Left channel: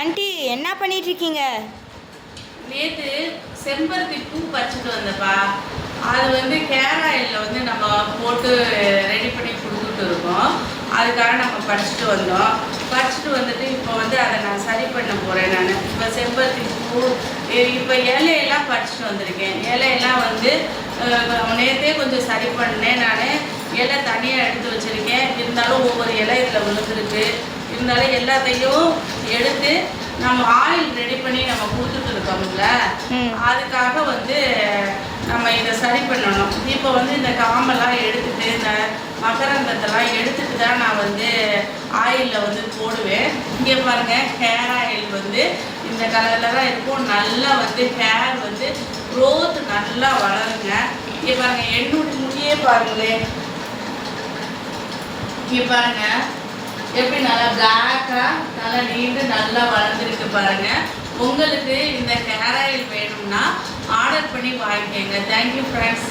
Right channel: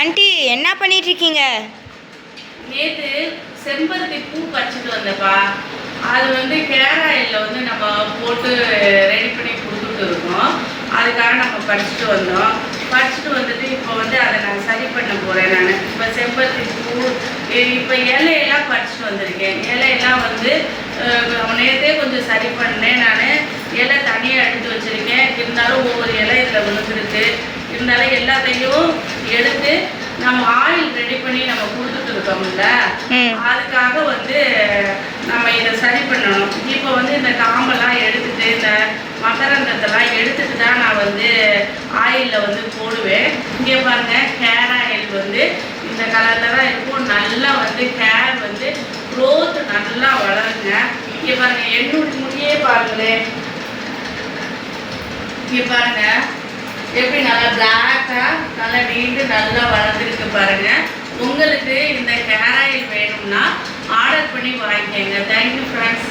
Aunty என்ன பண்ணிட்டு இருக்கீங்க? நேற்று செம்பருத்தி பூ பறிச்சுட்டு வந்தப்பா. அது கேர் ஆயிலில் நம்ம போட்டு ரெடி பண்ணி கொடுத்துட்டு இருக்கோம். அதுக்காக நம்ம பறிச்சுட்டு வந்தோம். பறிச்சுட்டு வந்துட்டு இப்போ அதை நான் சரி பண்ண போகிறேன். நான் இப்போ செம்பருத்தி பூ இப்போ இலையெல்லாம் பறிச்சுட்டு வந்திருக்கேன். இலையெல்லாம் நேற்றே கொஞ்சம் சரி பண்ணேன். நான் இலை தனியாக எடுத்து வச்சுருக்கேன். இருந்தாலும் ஒவ்வொரு இலை இதில் விழுந்துருக்கு. இருந்தாலும் எல்லாத்தையும் எடுத்து நம்ம ஆயில் ரெடி பண்ணி நம்ம கொடுத்துட்டு இருக்கோம்ல, அதுக்காக நம்ம இதை சரி பண்ணணும். இப்போ இந்த காம்பெல்லாம் எடுத்துட்டு இந்த மகரந்தத்தெல்லாம் எடுத்துட்டு தான் நான் ஆயிலில் போடுவேன். இங்கே பாருங்கள், ஹேர் ஆயில் இந்த கலரில் தான் இருக்கும். நல்லா ஹேர் க்ரோத் நல்லா வளருங்க. இங்கே பாருங்கள், என்னோட முடியே பாருங்களேன். இங்கே பாருங்கள் எப்படி நல்லா பிளாக்காக நல்லா நீண்டு நல்லா வளர்ந்துருக்கு பாருங்கள். உங்களுக்கு இந்த ஹேர் ஆயில் வேணும்னா ஆர்டர் பண்ணி வாங்கிக்கோங்க. Thank you friends.